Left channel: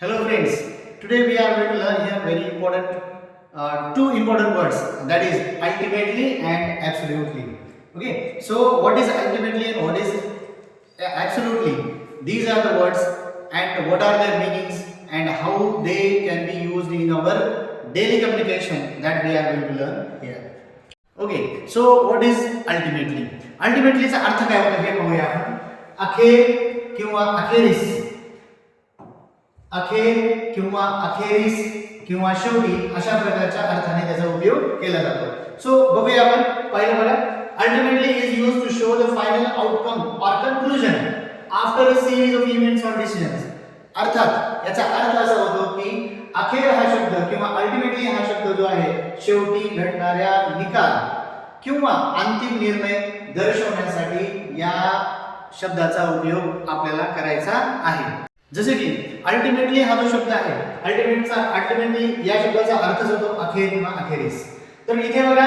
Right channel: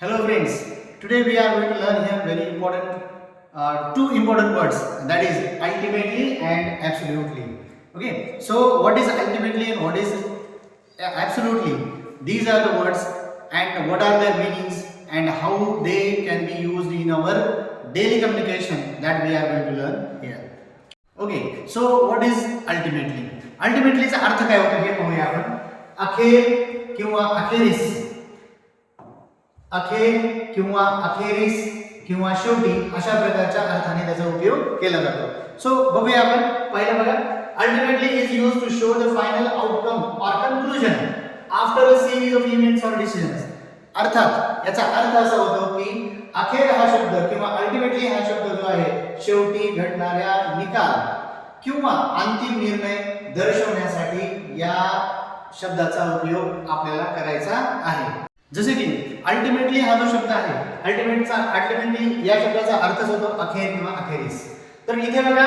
Hello friends, today we are going to learn here very important two important words, that is ultimately and absolutely. Okay, so what is ultimately and what is absolutely? These are the words and what are their meanings and how they can be used in our daily communication that we are going to learn here. Okay so what is ultimately अल्टिमेटलीचा अर्थ काय होता हे पाहूया आपण. अखेर किंवा अखेरीस, अखेर किंवा अखेरीस किंवा शेवटी अशा प्रकारच्या अर्थाने त्याचा उपयोग केला जातो. सो बघूया आपण. पहिलं बघा, ultimately is used to show the final outcome or conclusion after a series of events or decisions. अर्थात याचा अर्थ असा होतो की अखेर हा शब्द किंवा अल्टिमेटली हा शब्द जो आहे शेवटी घडणाऱ्या निकाल किंवा अंतिम निर्णय दर्शवण्यासाठी या शब्दाचा उपयोग आपल्याला करायचा आहे. जसे की अल्टिमेटली हा जो शब्द आहे, अल्टिमेटली या शब्दाचा अर्थच होतो अखेर किंवा अखेरीस. तर इथे बघा,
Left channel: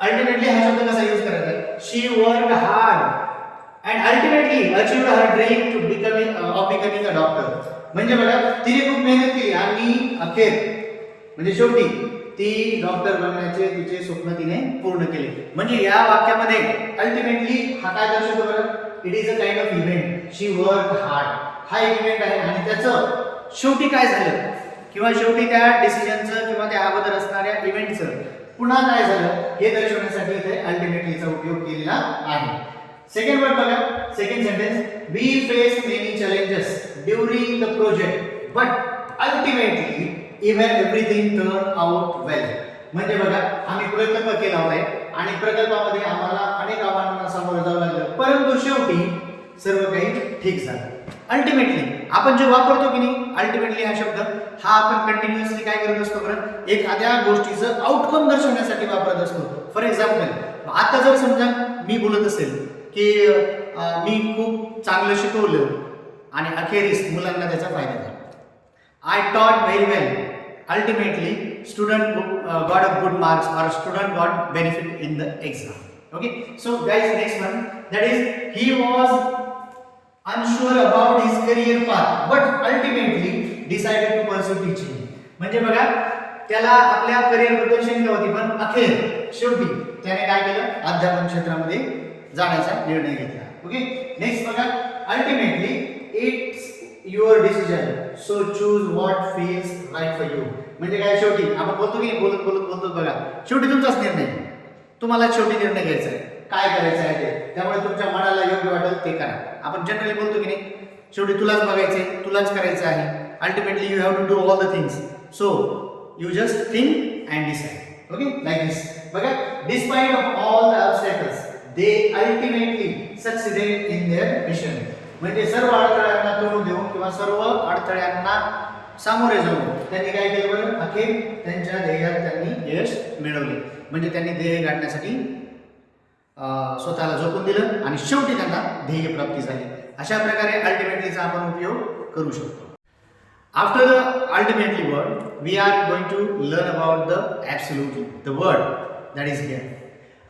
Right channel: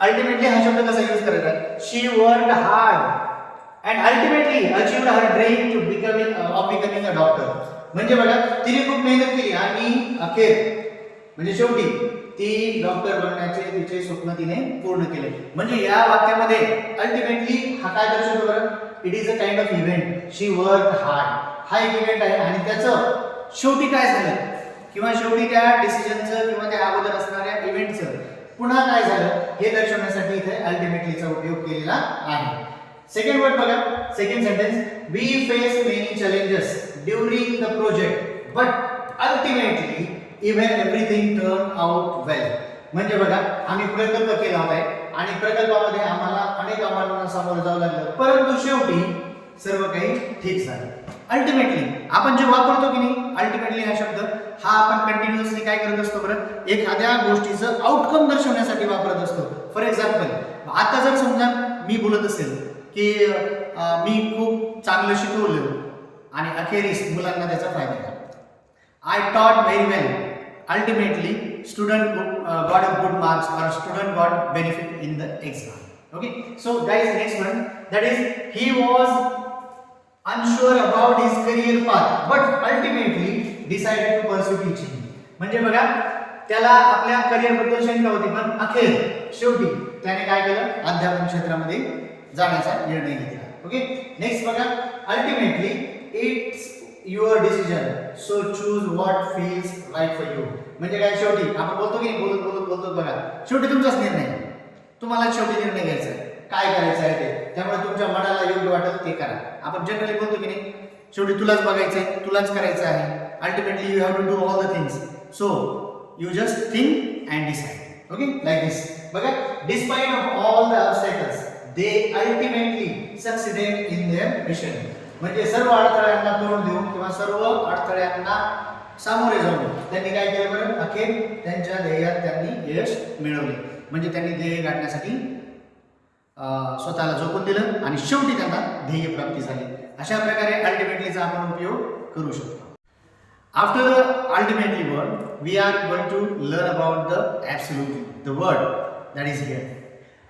अल्टिमेटली हा शब्द कसा यूज करायचा. She worked hard and ultimately achieved her dream to becoming a doctor. म्हणजे बघा, तिने खूप मेहनत केली आणि अखेर म्हणजे शेवटी ती डॉक्टर बनण्याचे तिचे स्वप्न तिने पूर्ण केले. म्हणजे या वाक्यामध्ये अल्टिमेटली हा काय दर्शवतो बरं. It is a kind of event. She work hard हा एक इव्हेंट आहे आणि त्याचं शेवटी काय झालं किंवा शेवटी त्या डिसिजनचं किंवा त्या अगोदर असणाऱ्या इव्हेंटचं पुन्हा काय झालं हे दर्शवण्यासाठी इथे अल्टिमेटलीचा उपयोग केलेला आहे. सेकंड वर्ड बघा, second sentence. We face many challenges during the project but ultimately even everything turn out well. म्हणजे बघा, आम्ही प्रकल्प केला होता आणि प्रकल्पामध्ये आम्हाला अनेक आव्हानांना सामोरं जावं लागलं, परंतु शेवटी सर्व काही ठीक झालं. अल्टिमेटली आपण जे वापरतो की नाही, अल्टिमेटली हा शब्द हा आपण कंटिन्युअसली काय करत असतो बरं, एखाद्या गोष्टीचं आउटकम दर्शवण्यासाठी वापरत असतो. फॉर एक्झाम्पल, आता जर समजा मी बोलत असेल की मी खूप चांगलं शिकवलं आणि अखेरीस मुलांना त्याचा फायदा झाला. I taught very well, ultimately student got a good marks और student got benefit in the exam. Okay, so guys next one, that is he was unsure about his career path but ultimately decided to pursue teaching. म्हणजे बघा, त्याला आपल्या career बद्दल शंका होती, पण अखेर शेवटी त्याने काय केलं, अध्यापन क्षेत्रामध्ये जाण्याचा निर्णय घेतला. ओके, नेक्स्ट बघा, ultimately it's your decision so choose what feels right for you. म्हणजे काय, शेवटी आपण बोलतो की बोलत बोलतो बघा, शेवटी तुमचाच निर्णय, तुम्हाला शेवटी निर्णय घ्यायचा आहे काय करायचं आहे ते, त्यामुळे तुमच्या मनाला योग्य वाटेल ते करा. आपण जनरली बोलतो की नाही, शेवटी तुलाच बघायचंय, तुलाच करायचं आहे. Ultimately you have to do all the things, so you just think and decide. Okay, like this. बघा, despite of all the obstacles they ultimately succeeded in their mission. म्हणजे सर्व अडथळ्यांना तोंड देऊन किंवा सर्व अडथळ्यांना सामोरे जाऊन त्यांनी काय केलं बरं, अखेर त्यांच्या ध्येयात त्यांनी यश मिळवले. म्हणजे त्यांनी ध्येय गाठण्यासाठी स्वतःला झोकून दिलं आणि शेवटी त्यांना ध्येय प्राप्ती झाली. अशा प्रकारे अल्टिमेटलीचा आपण उपयोग करू शकतो. After the ultimately word we are going to learn about the absolutely, the word that is here.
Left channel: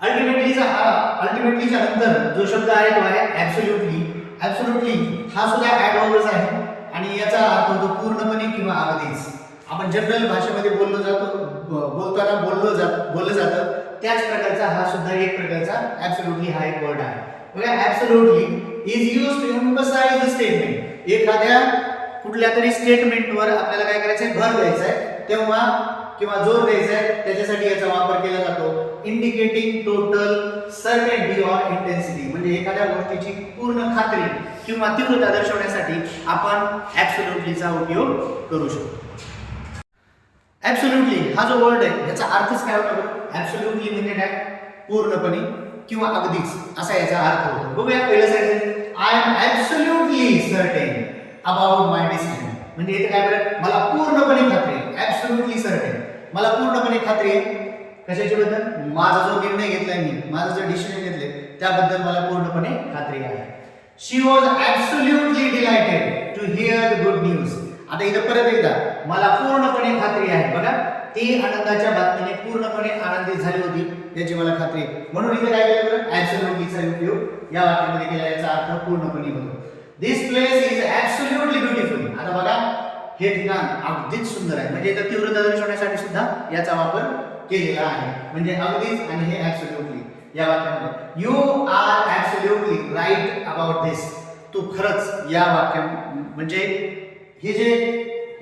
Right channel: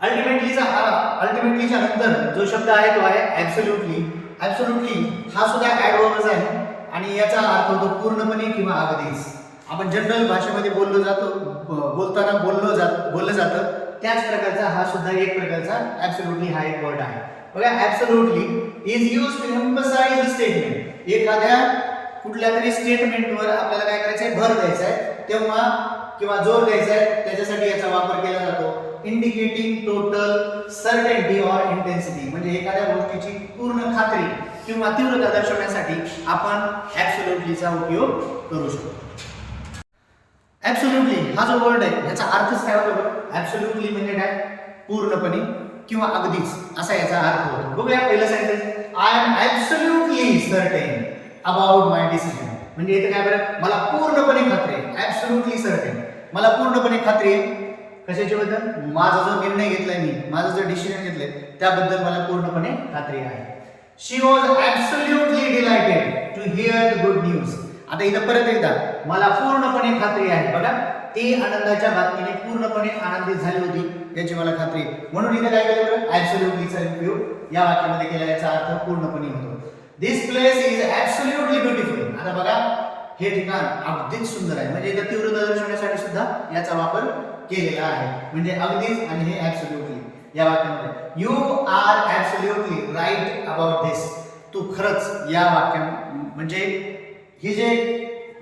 अल्टिमेटलीच्या नंतर जो शब्द आहे तो आहे ॲब्सोल्युटली. ॲब्सोल्युटली हा सुद्धा ॲडवर्बच आहे आणि याचा अर्थ होतो पूर्णपणे किंवा अगदीच. आपण जनरल भाषेमध्ये बोलताना बोललं जातं त्याच प्रकारचा हा सुद्धा एक प्रकारचा ॲब्सोल्युटली हा एक वर्ड आहे. बघा, absolutely is used to emphasise the statement. एखाद्या कुठल्या तरी स्टेटमेंटवर आपल्याला काय करायचं आहे, भर द्यायचा आहे तेव्हा किंवा जोर द्यायचा आहे, त्याच्यासाठी याचा वापर केला जातो. Indicating total certainty or intensity. म्हणजे एखाद्या गोष्टीची पूर्ण खात्री किंवा तीव्रता दर्शवण्यासाठी आपण ॲब्सोल्युटलीचा उपयोग करू शकतो. ॲब्सोल्युटली हा जो वर्ड आहे ह्याचा अर्थच काय होतो बरं. ॲब्सोल्युटली म्हणजे काय, पूर्णपणे किंवा अगदीच असा याचा अर्थ होतो. बघूया पहिलं sentence. I am absolutely certain about my decision. म्हणजे इथे काय बरं, मला पूर्णपणे खात्री आहे. ॲब्सोल्युटली सर्टेन, मला पूर्णपणे खात्री आहे कशाच्या बद्दल, माझा जो निर्णय घेतलाय मी, माझं जो डिसिजन घेतलंय त्याबद्दल मला पूर्णपणे खात्री आहे. She was absolutely delighted to hear the good news. आता इथं परत एकदा, मला पूर्णपणे खात्री आहे. बघा, ती आनंदाच्या बातमीने पूर्णपणे आनंदित झाली होती याची मला खात्री आहे. म्हणून इथे काय केलं बरं, ॲब्सोल्युटलीचा उपयोग या वाक्यामध्ये केला. याचा अर्थ पूर्णपणे होतो. दिस प्लेस इज ॲब्सोल्युटली ब्युटिफुल. आता बघा, हे ठिकाण अगदीच सुंदर आहे. म्हणजे इथं तीव्रता दर्शवण्यासाठी सुद्धा याचा वापर केलेला आहे. म्हणजे अगदीच आणि हे ऍब्सोल्युटली या वाक्यामध्ये you are absolutely right about this. तू खरंच या वाक्या म्हणजे हे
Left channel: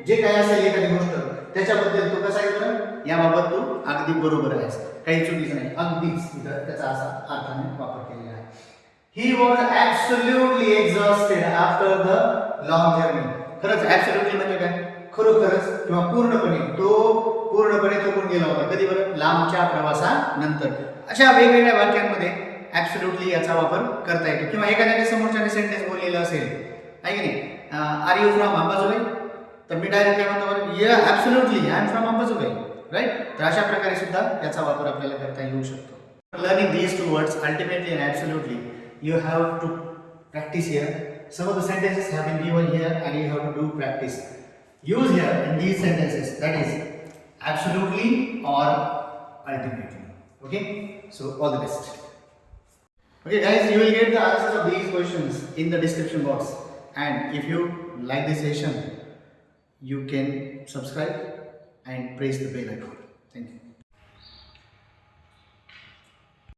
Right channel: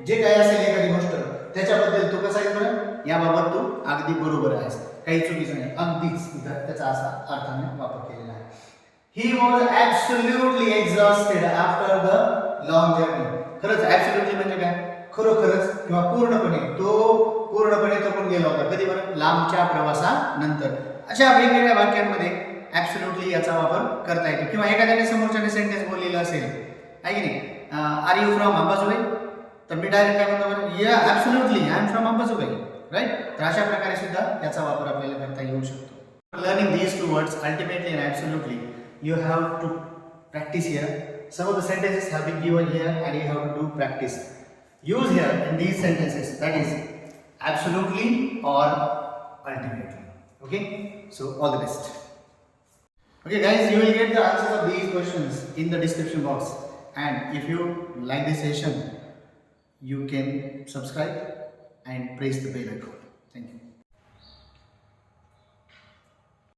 जे काही असेल एखादी गोष्ट त्याच्याबद्दल तू कसा आहे बरं, याबाबत तू अगदी बरोबर आहेस, काही चुकीचं नाही, अगदीच इथं त्याचा असा अर्थाने वापर केलेला आहे. He was absolutely exhausted after the long journey. खरंच ऍब्सोल्युटली म्हणजे काय, खरोखरच किंवा पूर्णपणे, तो पूर्णपणे थकून गेला होता. कधी बरं, लांबच्या प्रवासानंतर. अशा वेगवेगळ्या वाक्यांमध्ये ऍब्सोल्युटली याचा वापर करता येतो. किंवा एखाद्याने समोरच्याने सेंटेन्स बोललेलं असेल, आहे की नाही, आर यू फ्रॉम अंबाजोगाई, तर मी डायरेक्ट काय म्हणतो बरं, या absolutely I am from Ambajogai, right. तर अशा प्रकारे सुद्धा याचा वापर आपल्याला करता येऊ शकतो. Learning these two words ultimately and absolutely, you have to practice here. Some of the sentences have been given here and you have to do practice. Use here in these sentences, that is absolutely or ultimately. Okay, so all the best. Okay guys, you will get the answers of these questions in the description box, and if you like this session, you can subscribe and press the bell icon. Thank you.